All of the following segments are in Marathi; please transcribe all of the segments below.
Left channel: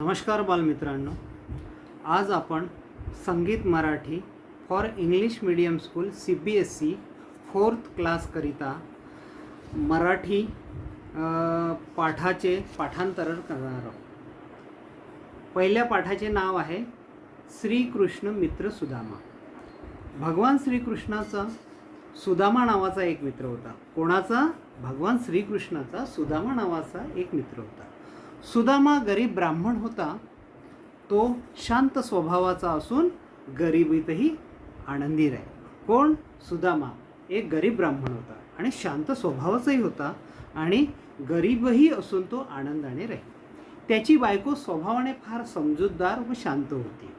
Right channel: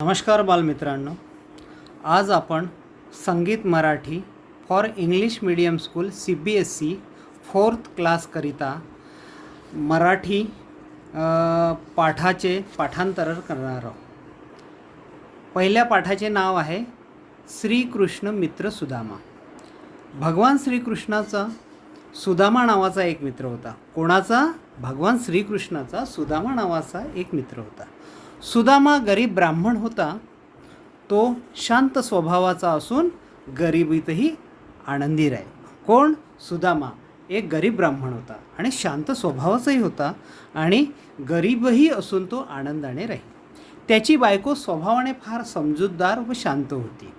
नमस्कार बालमित्रांनो, आज आपण संगीत Marathi for English medium school CBSE 4th क्लासकरिता मराठी पाठाचे पाठांतर करणार आहोत. पहिल्या पाठाचे नाव आहे श्रीकृष्ण मित्र सुदामा. भगवान श्रीकृष्णाचा सुदामा नावाचा एक मित्र होता. कोणाचा? भगवान श्रीकृष्णाचा सुदामा नावाचा एक मित्र होता. सुदामा गरीब ब्राह्मण होता. तो शांत स्वभावाचा असून गरिबीतही आनंदी राही. कोण? सुदामा एक गरीब ब्राह्मण होता आणि शांत स्वभावाचाही होता आणि गरीबही असून तो आनंदाने राही. त्याची बायको स्वभावाने फार समजूतदार व शांत होती.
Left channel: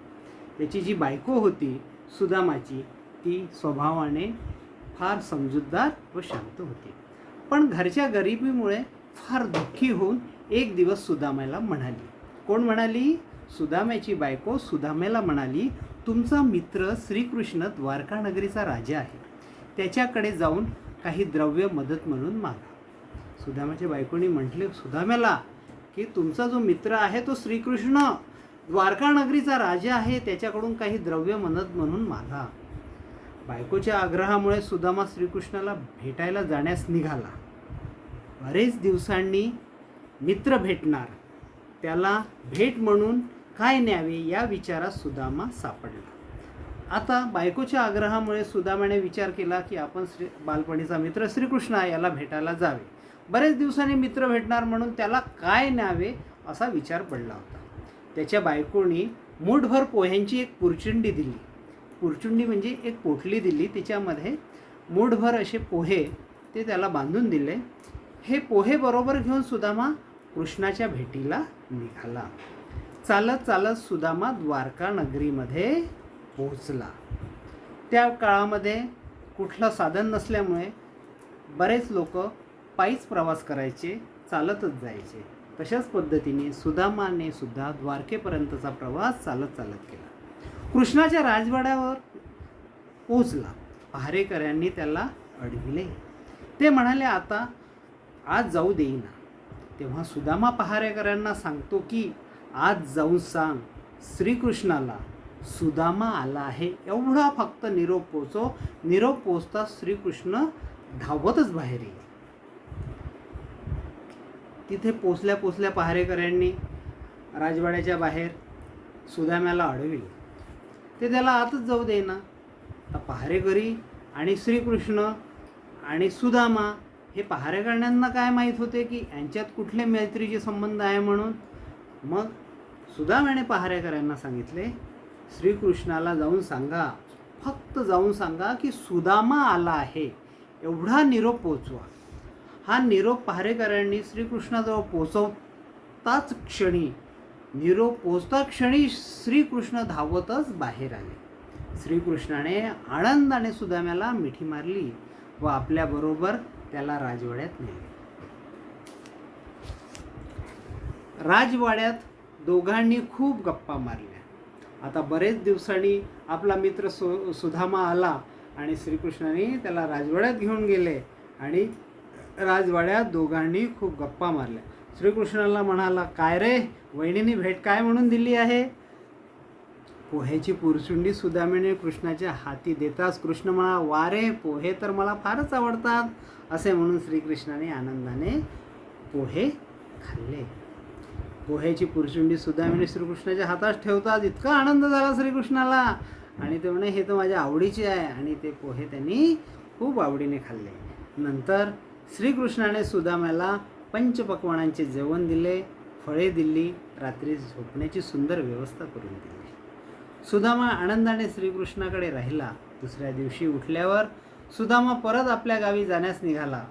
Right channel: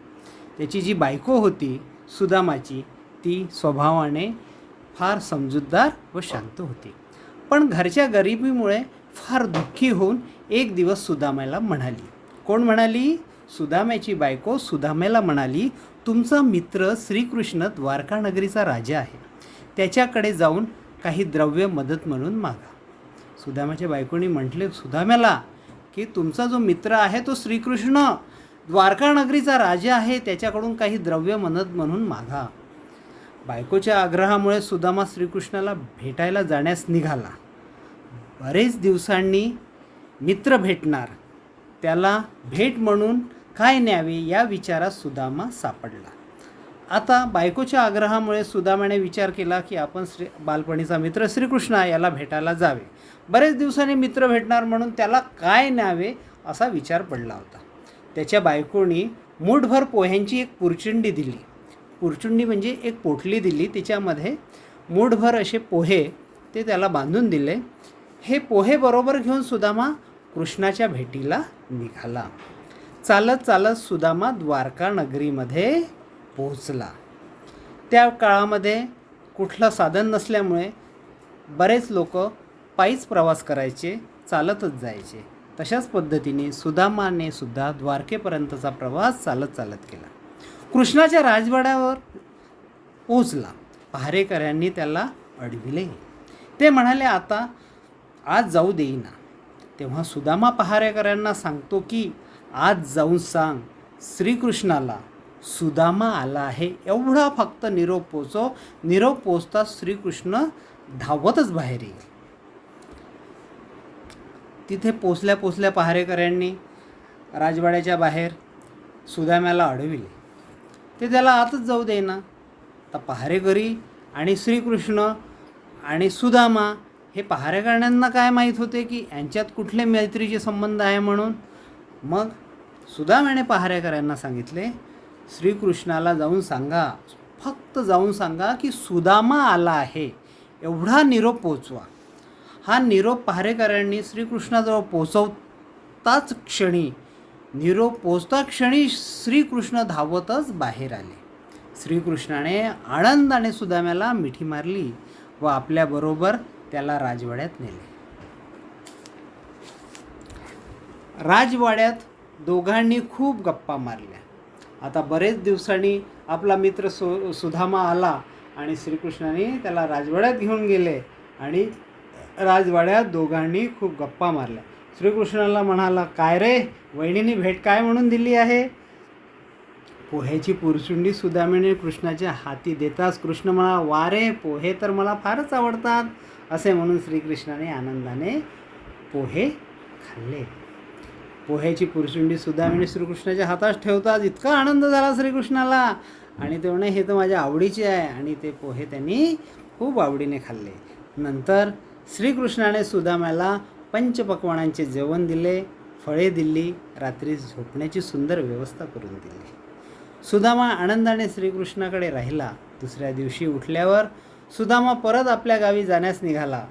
त्याची जी बायको होती सुदामाची, ती स्वभावाने फार समजूतदार व शांत होती. पण घरच्या गरिबीमुळे फार दुःखी होऊन एक दिवस सुदामाला म्हणाली. कोण म्हणाली? सुदाम्याची बायको सुदाम्याला म्हणाली, तुमचा मित्र श्रीकृष्ण द्वारका नगरीचा राजा आहे. त्याच्याकडे जाऊन काही द्रव्य मदत म्हणून मागा. सुदाम्याच्या बायकोनी म्हटले सुदाम्याला की तुमचा जो मित्र आहे तो श्रीकृष्ण द्वारका नगरीचा राजा आहे, त्याच्याकडून काही द्रव्य मदत म्हणून मागा. बायकोच्या आग्रहामुळे सुदामा श्रीकृष्णाला भेटायला जाण्यास निघाला. बरेच दिवसांनी मित्र भेटणार, त्याला भेट म्हणून काय न्यावे या विचारात सुदामा सापडला. आता बायकोच्या आग्रहामुळे सुदामाने विचार केला की आपण बालपणीचा मित्र श्रीकृष्ण याला भेटायला जावे. बरेच दिवसांनी मित्र भेटणार म्हणून त्याला काय न्यावे असा विचार पडला होता. त्याच्या बायकोनी मूठभर पोह्यांची एक पुरचुंडी दिली. पुरचुंडी म्हणजे एक पोटली दिली, त्याच्यामध्ये मूठभर असे पोहे ते त्याला बांधून दिले. हे पोहे बरोबर घेऊन सुदामा कृष्णाच्या भेटीला निघाला. चालत चालत सुदामा द्वारका नगरीमध्ये पोहोचला. त्या काळामध्ये कुठलं साधन नसल्यामुळे बरेच लोक पायीच प्रवास करायचे, चालतच जायचे. तशाच पद्धतीने सुदामाने सुद्धा द्वारकेपर्यंतचा प्रवास चालत चालत केला. कृष्णाच्या राजवाड्यावर पोहोचला. पहारेकऱ्यांनी त्याला अडविले. ते म्हणाले आता आज जाऊ देईना. तेव्हा सुदामा पहारेकऱ्यांना सांगतो की आज जाऊन सांग श्रीकृष्णाला सुदामा आला आहे, एवढा फक्त निरोप पोचव. निरोप पोचताच श्रीकृष्ण धावतच बाहेर येईल. तिथे पोचल्या पहारेकऱ्यांनी राजवाड्याच्या बाहेर सुदाम्याला अडविले. ते त्याला आतच जाऊ देईना. आता पहारेकरी आणि श्रीकृष्ण आणि सुदामा हे पहारेकऱ्यांना काय माहीत होते की यांच्यात कुठले मैत्रीचे संबंध आहे म्हणून. मग सुदाम्याने पहारेकऱ्यांना सांगितले श्रीकृष्णाला जाऊन सांगा, फक्त जाऊन सांगा की सुदामा आला आहे, एवढा निरोप पोचवा. हा निरोप पहारेकऱ्यांनी श्रीकृष्णाजवळ पोचवताच क्षणी, निरोप पोचता क्षणी श्रीकृष्ण धावतच बाहेर आले. श्रीकृष्णाने आनंदाने सुदाम्याला मिठी मारली व आपल्याबरोबर त्याला राजवाड्यात नेले. राजवाड्यात दोघांनी खूप गप्पा मारल्या. आता बरेच दिवसांनी आपला मित्र सुदामा आला आणि श्रीकृष्णाने त्याला राजवाड्यात घेऊन गेले आणि राजवाड्यात दोघांनी खूप गप्पा मारल्या. श्रीकृष्णाला म्हणाला, काय रे वहिनीने भेट काय म्हणून दिली आहे? पोह्याची पुरचुंडी सुदाम्याने कृष्णाच्या हाती देताच कृष्ण म्हणाला, वा रे, पोहे तर मला फारच आवडतात. असे म्हणून श्रीकृष्णाने आनंदाने पोहे खाल्ले. पोह्याची पुरचुंडी सुदाम्याने श्रीकृष्णाच्या हातात ठेवताच इतका आनंद झाला श्रीकृष्णाला आणि ते म्हणे हे तर माझ्या आवडीचे आहे आणि ते पोहे त्यांनी खूप आवडीने खाल्ले. नंतर श्रीकृष्णाने सुदाम्याला पंचपक्वानांचे जेवण दिले, फळे दिली, रात्री झोपण्याची सुंदर व्यवस्था करून दिली. सुदामा आनंदाने श्रीकृष्णाकडे राहिला. दुसऱ्या दिवशी उठल्यावर सुदामा परत आपल्या गावी जाण्यास निघाला.